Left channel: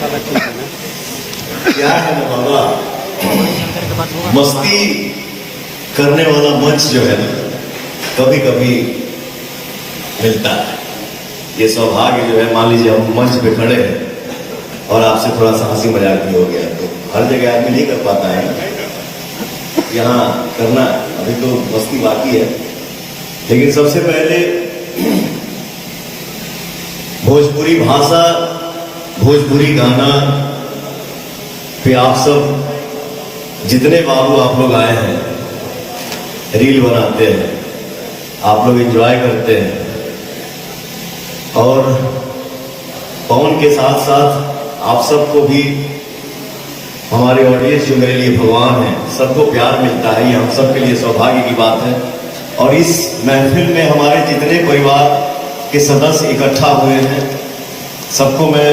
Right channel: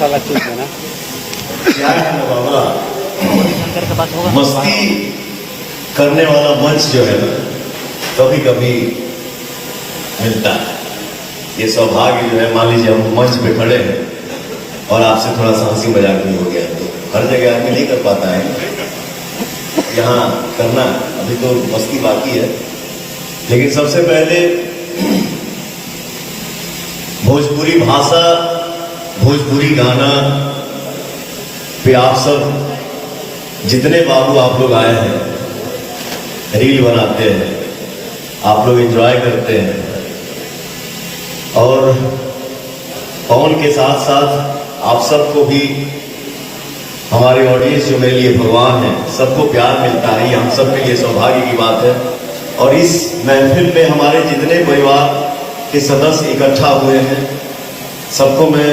वाला चीज है ना। क्या है बाबा, मस्ती करने वाला मंच जो है ना कभी कभी मिलता है। ये सौभाग्य जो है, मान लीजिए हम मंच पे खड़े हैं और आपसे थोड़ा सा हंसी मजाक भी हो गया, तो हर जगह आदमी नहीं कर पाता है। यहाँ करना अभी तो मस्ती बाकी है, लेकिन सबसे पहले भोजपुरी भाषा, भोजपुरी गाना पे आप सब जितने बाबू आप लोग आए हैं, रील बनाते हैं, आप लोग एंजॉय करते हैं, और पवन के साथ साथ आप सबको भी, हमारे ऑडियंस जो मेरे लिए भगवान है, सबको प्यार मिलता है। ये हम सब के लिए सौभाग्य की बात है। और इस महफिल में हमारे जितने परिवार के सदस्य इकट्ठा हुए हैं, सबको मैं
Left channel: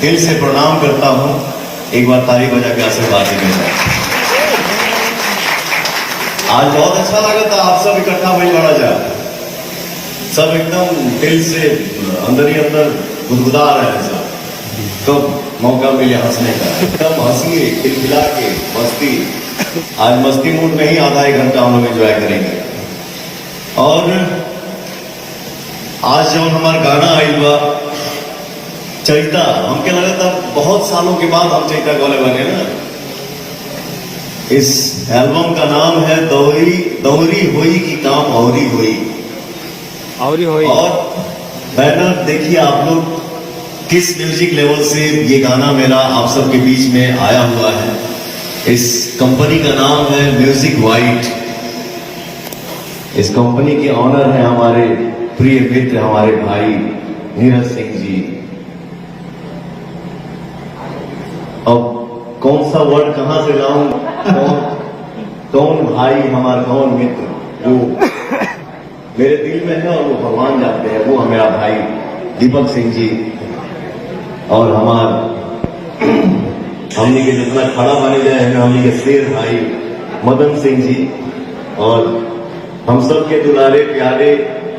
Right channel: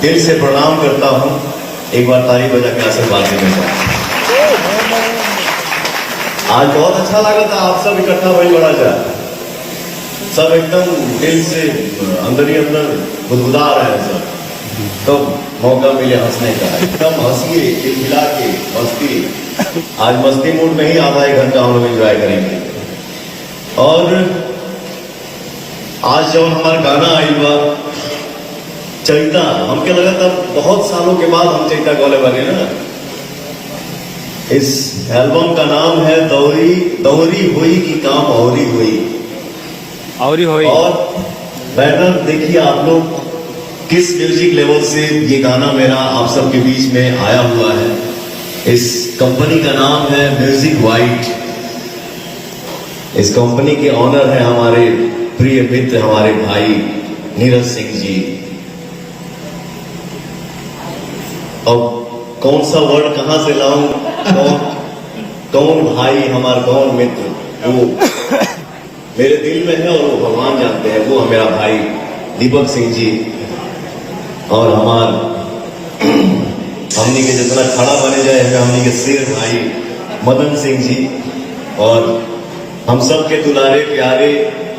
दिल से प्रणाम करता हूं। एक बार ताली बजा के आशीर्वाद देंगे। आज बहुत अच्छा लगा था, आप सब इकट्ठा हुए बड़ा जा, सब एकदम दिल से अंदर ही अंदर गुदगुदा रहे हैं सब। कब मौका मिले हंसने का, एकदम हंसिए, खिलखिला के मस्ती। आज मस्ती मूड में ही आधा एक घंटा हम लोग एंजॉय करेंगे। और आज जब हमारा गाना आएगा चैता, हमके लगा था बहुत सालों के बाद हम चैता गौले बने ना। इस एल्बम का नाम है दौरी दौरी हुई की काम औरी हुई। और बैटर देखिए आप लोग किस म्यूजिक लेवल से ये गाना मेरा आप सबके बीच में आया हुआ है। इस कंपनी का नाम है म्यूजिक वाइट। इस कंपनी के ऑनर है हमारे प्रिय मित्र, हमारे भाई नीरज सिंह जी। अब कौन सा वर्ड कहां से लाऊं, कौन भाई हमारा, कौन मित्र, वो मेरे दिल में है और वो भगवान जानते हैं। वो मेरा भाई दीपक सिंह जी, और हमने के जितना खड़ा बने जाए हमें हमने के शेर भाई मदन सिंह जी, और हम सब के दुलारे प्यारे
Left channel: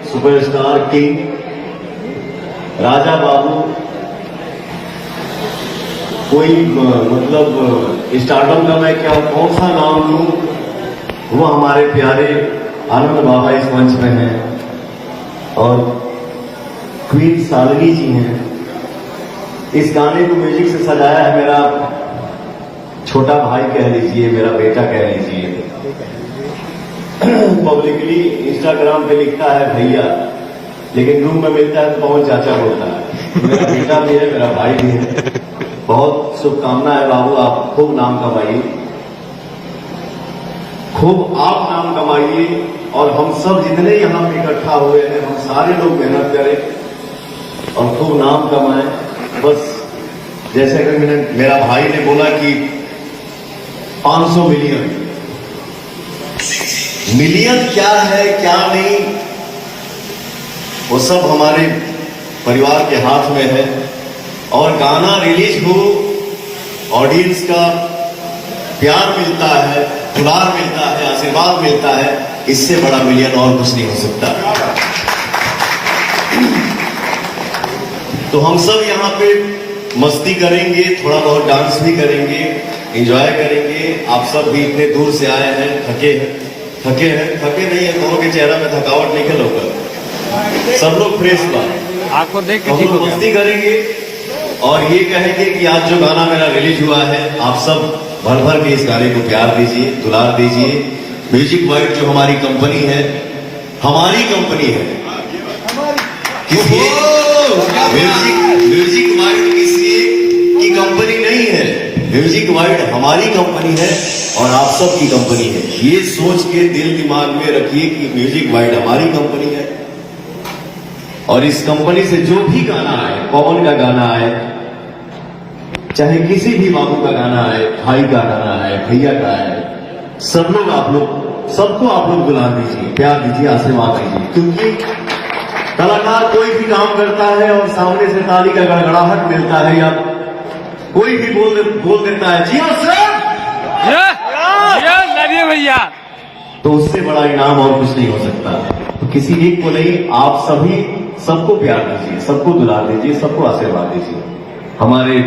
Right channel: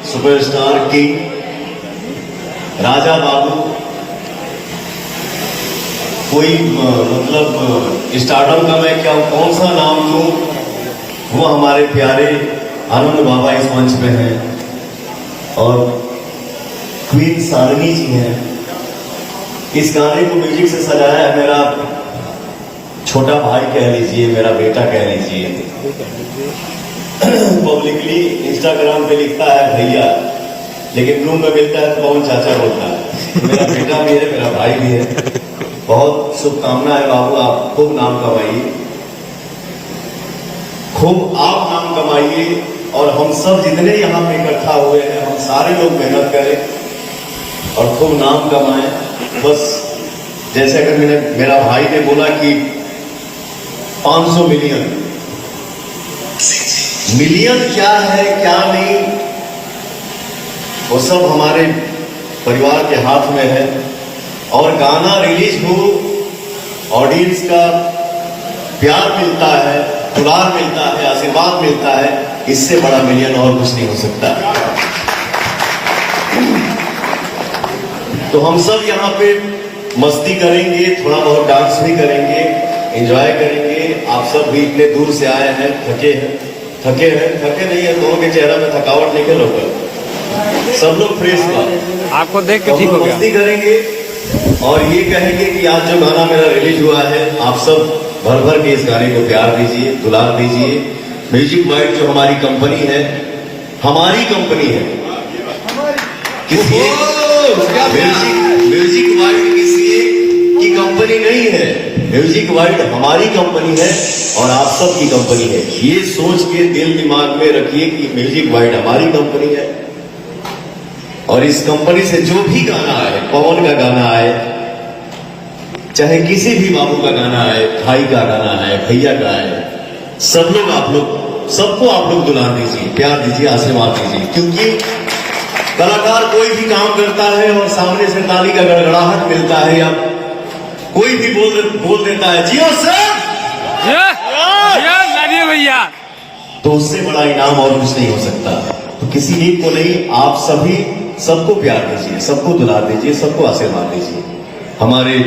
सुपरस्टार किंग राजा बाबू। कोई मतलब स्टार्टअप का मैं क्या कौन सा नाम लूं, वो हमारे प्यारे आनंद बाबा इस मंच में हैं, और क्वीन सारंगी जी हैं। इस गाने को म्यूजिक से सजाया है मेरा छोटा भाई कह लीजिए, मेरा बेटा कह लीजिए। पब्लिकली इंस्टाग्राम पे लिखता है भैया, लेकिन रूम में मिलता है तो पवन चाचा बोलता है। मेरा बेटा भी है, मेरा भाई भी है। बहुत शुभकामना है बाबू, आप खूब नाम कमाइए, खूब आप नाम कमाइए, और हम सब जितने यहाँ पे इकट्ठा हुए हैं, हम सारे लोग मेहनत करें और खूब नाम कमाएं। बस जैसे अगर मेरा भाई ने बोला कि 500 मिलियन, मिलियन क्या है क्या नहीं, वो सब हमारे परिवार के हाथ में है। और गाना रिलीज हो, ऑडियंस का प्यार मिलता है, दुलार मिलता है, आशीर्वाद मिलता है, इससे बड़ा मिलियन और कुछ नहीं हो सकता। तो हम सब यहाँ पे मस्ती करेंगे, थोड़ा बहुत डांस भी करेंगे, एंजॉय करेंगे। आप सब भी इतने दूर से आए हैं, थके नहीं है, दोनों के चेहरा में थकावट नहीं है, लोग सब लोग फ्रेश था, आपको देख के तो मस्ती करेंगे और ये कहेंगे कि आज जो गाना मेरा रिलीज हुआ है, आप सब भर भर के इस गाने को प्यार दीजिए, दुलार दीजिए। म्यूजिक वाइट जो हमारी कंपनी है, हमारी कंपनी है, किसी म्यूजिक वाइट किसी की कंपनी नहीं है। म्यूजिक वाइट हमारी कंपनी है और आप सब की कंपनी है। ये सोच के दिल दिमाग में रखिए कि म्यूजिक वाइट हमारी कंपनी है, और इस कंपनी से जो भी गाना आए, पवन का गाना आए, चाहे किसी भी बाबू का गाना आए, भाई का गाना आए, भैया का आए, सब लोग आप लोग सबको आप लोग दुलार दीजिए, प्यार दीजिए, आशीर्वाद दीजिए। क्योंकि कलाकार कोई भी काम करता है और सामने से ताली का गड़गड़ाहट मिलता है, या कोई भी बोल देता है जियो सर, भैया, तो उससे बड़ा इनाम और कुछ नहीं हो सकता। तो किसी एक को नहीं, आप सभी सबको प्यार दीजिए, सबको दुलार दीजिए, सबको आशीर्वाद दीजिए। हमारे